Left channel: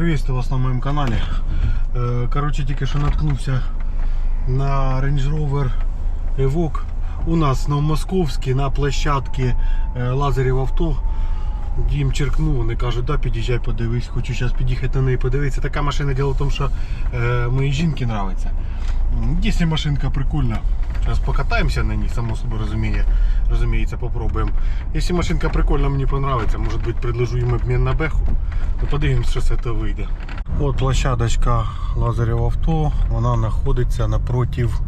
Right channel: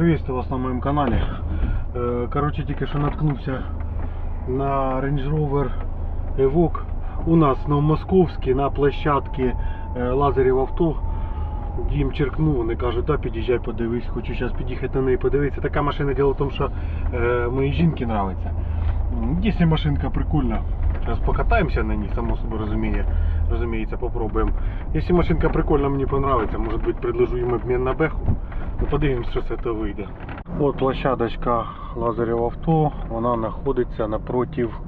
Приветствую вас на моем канале. Е, Короче, тільки що наткнувся на Range Rover Evoque. У нас на Московській на площадці е, авто. Дім черкнув, вони кажуть, да, під'їжджай, подивись, хочу зараз під'їхати на неї подивитися. Така машина діло в тому, що е, моїй жінці подобається. Якщо машинка прикольна, зараз покатаємося на ній, само собою розуміє, розуміється, попробуємо. Якщо машинка прикольна, мені подобається, може бути предложу їм обмін на беху. Ну, подивимось, що з цього вийде. От площадочка Лазарів авто, вона знаходиться напротив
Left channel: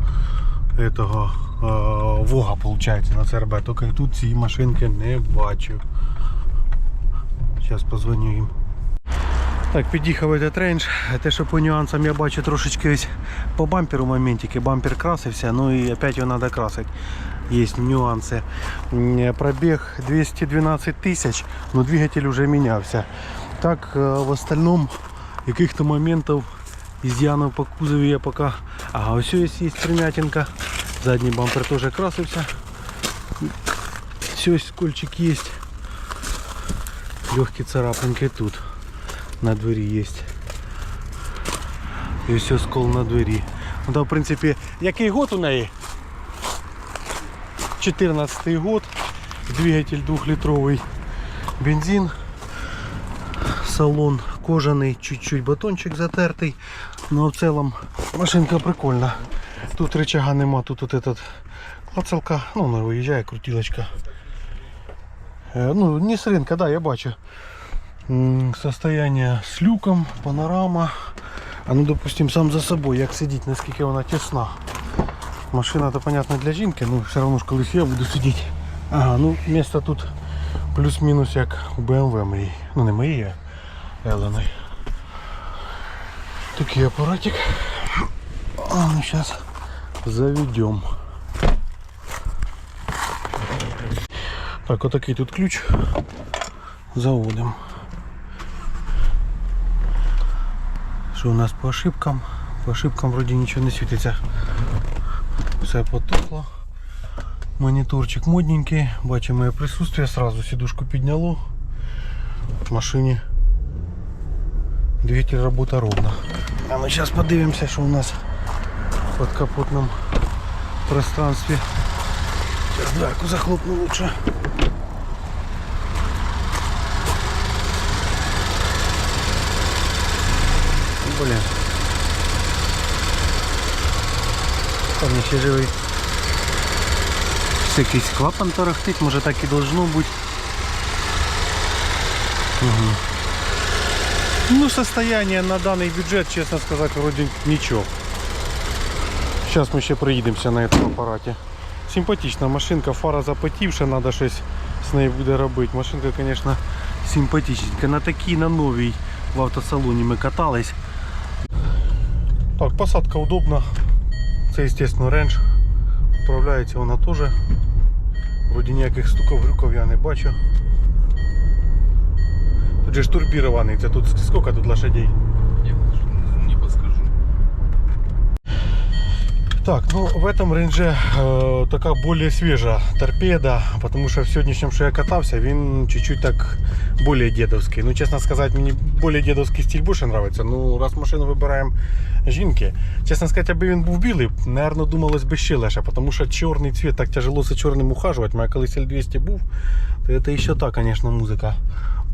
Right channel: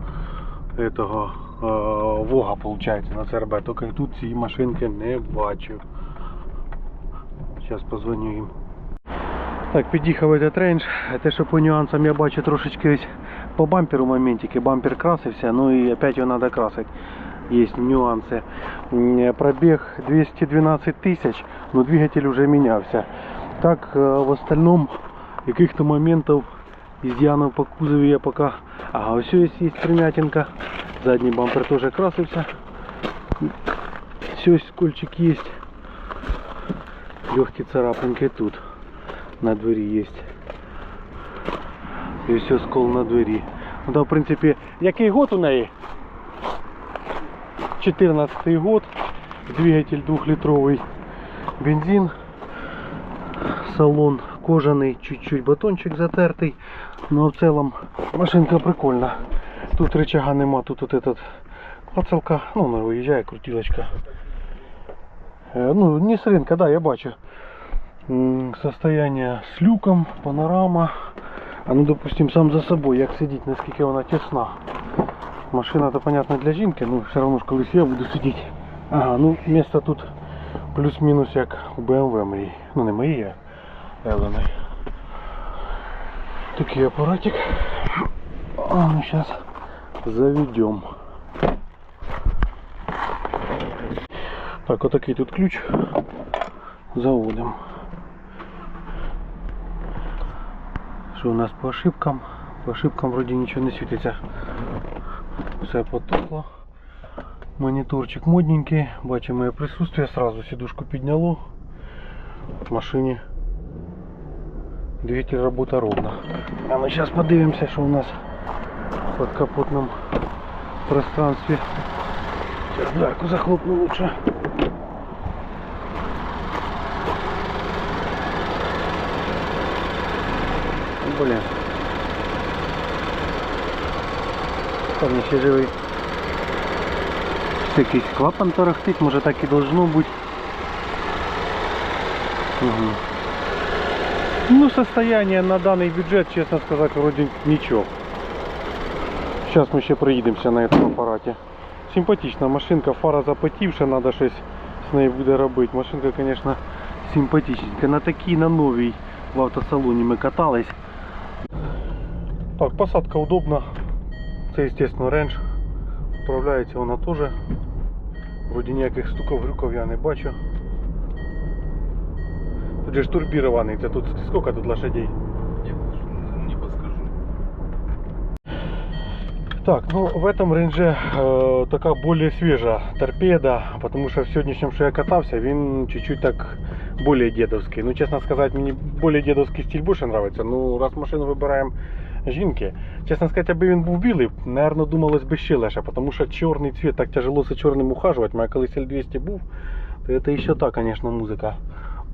этого, е, Вога, виходить, на ЦРБ. Тільки тут цієї машинки не бачу. Зараз позвоню їм. Так, під'їхав этот рейндж. Те, що по нюансам я бачу трошечки ось по бамперу моментики. Бампер красився, ну і опять його треба красити. Є нюанси. Пробіг 212 тисяч, но двигатель вже мінявся. Так, е, в остальном яких-то моментів изъянов по кузові я пока... Ага, ось ось є примятинка. Задній бампер теж красився. Все, скольчик есть. Легкие царапинки тут на двері є. І все скол на двері. Ну, та, в принципі, який год у неї? 14 год. Двигатель 2-литровый бензин. Салон кожаний, чуть-чуть батончик затертий. Но в целом машинка прикольна. Тут рычага нема, тут вот этот клацалка, ну вона виїжджає, крутилочка. Е, Ну, не з ринка, да, я бачу. М, Состояние с люком, панорама. А ну допустим сам за собой, як сидіть, наскільки вона тісна. Машина то понятно для жінки, ну все одно ж колись я буду сидіти. Ага, ну місто тут плюс-мінус як у BMW моїй. Ну не моїй, а Еленой. Такий апаратик. А ну сейчас заведем. Так, отакий тут ключ. Заводим. Що у нас по ошибкам? По ошибкам вроді нічого не світиться. Все потухло. Моніторчик модненький. Бачимо моє присутствие. Сразу сидушку підняло. В машині двигатель работа ровно. А ми зараз подивимося, що у нас в подкапотном пространстве. Сейчас дверку захлопну лучше. Блин. Там ще живий. Ось якийсь клапан тарахтить, може так і должно бути. Угу. Ну, состояние на данный бюджет, честно сказать, вроде ничего. Сейчас мы ще проїдемося на этом аппарате. Симпатична машинка, фара запотівша, треба щось з нею буде робити. Машинка, конечно, симпатичненька. На такій, на новій в автосалоні ми катались. Так, посадка удобна. Це, естественно, рендж. Управляється вона теж. Вроді ніяких стуков грюков я не бачу. Тут же ж турбірований. Це тут скільки тут лошадей? Так, ну в этом рейнже э, така более свежа торпеда, потому что в сегодняшнем, що я катався, він чуть-чуть так более дедовський. Ну, чесно сказати, мені более дедовський стиль більше нравится. Ну, раз машину вибираємо жінки, чесно сказати, аби він був білий, наверное, думалось би ще легше, тому що чорний цвет, так тяжело за чорним ухажувати. Моя колись L200 був, то це ще та, конечно, музика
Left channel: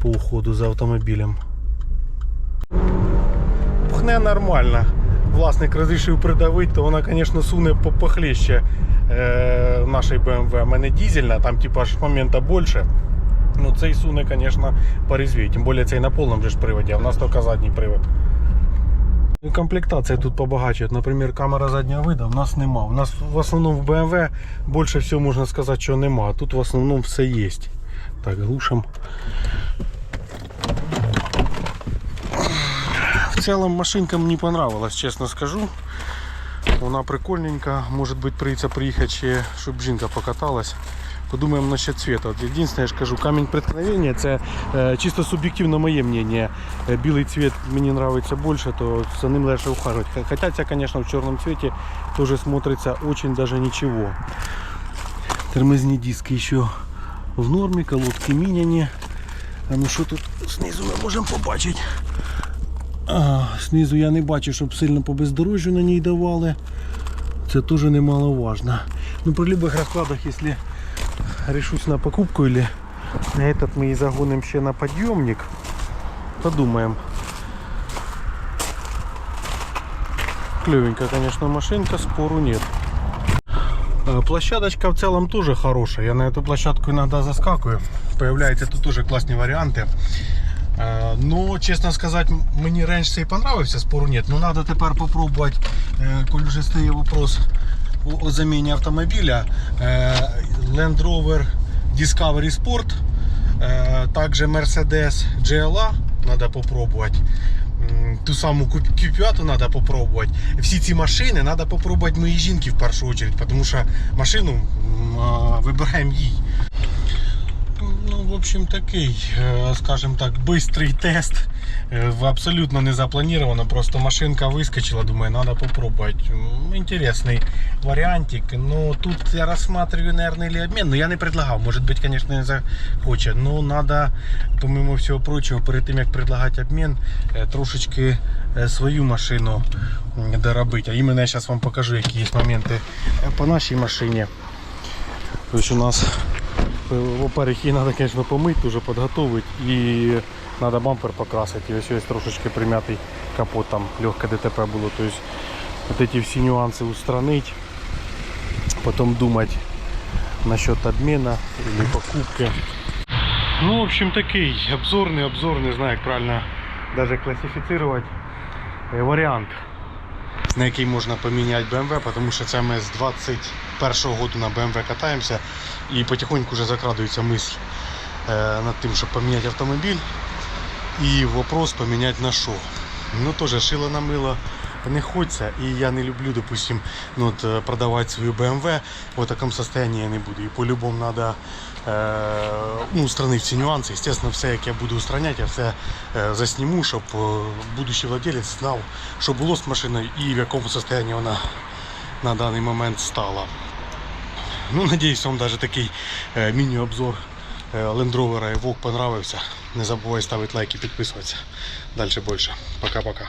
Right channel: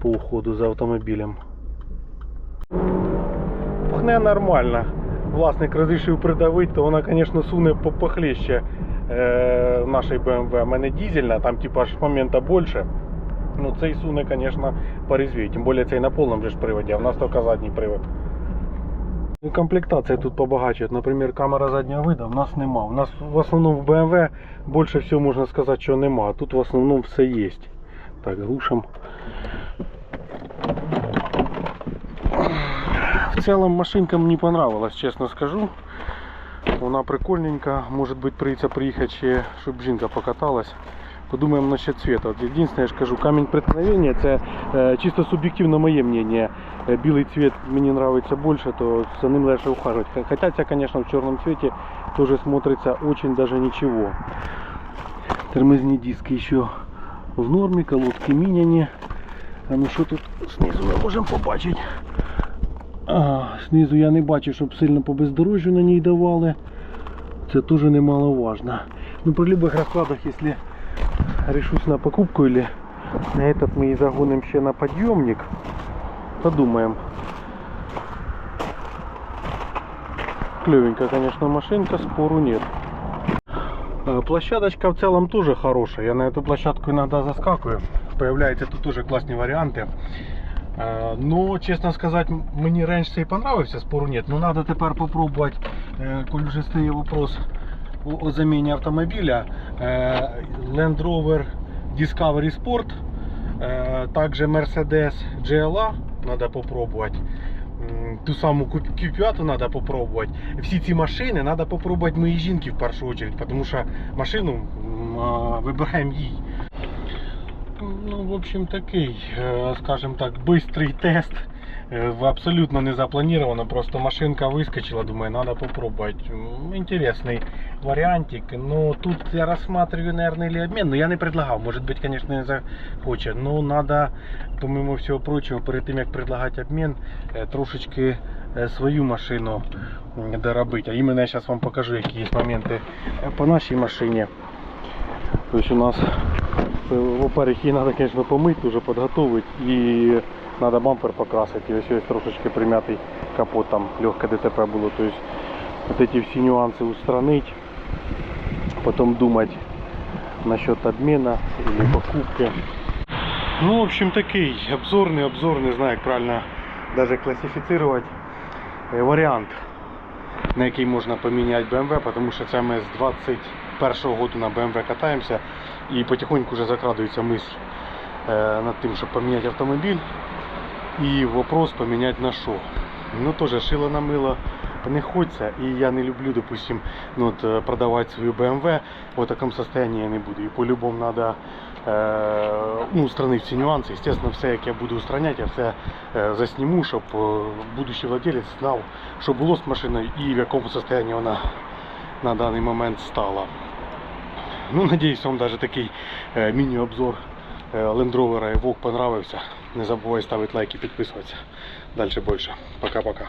по уходу за автомобілем. Пхне нормально. Власник розрішив придавити, то вона, звісно, суне похлеще е, нашої BMW. У мене дизельна, там типа ж момента більше. Ну цей суне, звісно, порезвій. Тим більше цей на повному же ж приводі, а в нас тільки задній привод. Ну, Комплектація тут побагаче. От, Наприклад, камера заднього виду в нас нема. У нас в основному в BMW більше всього можна сказати, що нема. Тут в основному все є. Так, глушимо. В целом машинка мне понравилась, честно скажу. Вона прикольненька, може бути прийдеться приїхати ще, щоб жінка покаталась. Подумаємо насчет цвета. Єдине, я ж кажу, камінь преткновення це е, чисто суб'єктивно моє мнение. Е, Білий цвет мені подобається більше, то за ним легше ухаживать. Х- Хоча це, конечно, в чорному цвіті теж смотрится очень даже ничего. Тормозні диски ще в нормі, колодки міняні. А ну що тут знизу ми можемо побачити? А, знизу я не бачу, щоб сильно по бездорожжю на ній давали. Це теж немаловажно. Ну, при любых раскладах, если решусь на покупку или на этот мы и загоним ще на подъемник, подумаем. Клевенькая, конечно, машинка, спору нет. Э, Площадочка в целом тоже хорошая. Я на эту площадку иногда заскакиваю. Появляются тут тоже классные варианты. Е, Ну, чесно сказати, мені рейндж цей понравився, спору нет. Ну, треба тепер попробувати, е, коли вже стає вопрос о, заміні автомобіля. е, Land Rover Discovery Sport, також Mercedes GLA треба попробувати. Ту саму Q5 треба попробувати. Всі ці машини треба попробувати моїй жінки в першу чергу, тому що машину вибираємо їй. Ну, в общем, такий, е, скажем так, быстрый тест. Е, в- Абсолютно не запланировано, просто машинка выскочила, думаю, надо попробовать. М, Интересный вариантик. Но тут я рассматриваю, наверное, или обмен. Но я не предлагав. Может быть, конечно, не захоче. Но надо, помимо всього прочого, перед тим, як предлагати обмін, е, трошечки е, свою машину м, доробити. А іменно я зараз вам покажу, які є моменти е, по нашій машині. Тобто у нас Э, Во-первых, її треба, конечно, помити, уже подготовить и надо бампер покрасить. И ось ось трошечки примятий капот, там легке ДТП було. То есть вот эти все нюансы устранить, потом думать насчет обмена или покупки. Ну, в общем, такий обзорний, обзор, не знаю, як правильно даже классифицировать е, варіант, на який можна поміняти BMW, тому що це ми з 21 году на BMW катаємося і потихоньку вже закрадується мисль е, над тим, щоб поміняти автомобіль. І вопрос поміняти на що. Ну теж шило на мило не хочеться. І я не люблю, допустим, ну, от, е, продавати свою BMW в такому состоянии я не буду. І по-любому треба ну, устранити всі нюанси. Естественно, все, як я буду устраняти, я все е, засніму, щоб е, будущий владелець знав, що було з машиною і в якому состоянии вона на даний момент стала. Ну, надіюсь, вам даже такий е, міні-обзор лендровера Rover Evoque понравився. Не забувай ставити лайк і підписуватися. Далі більше. Пока-пока.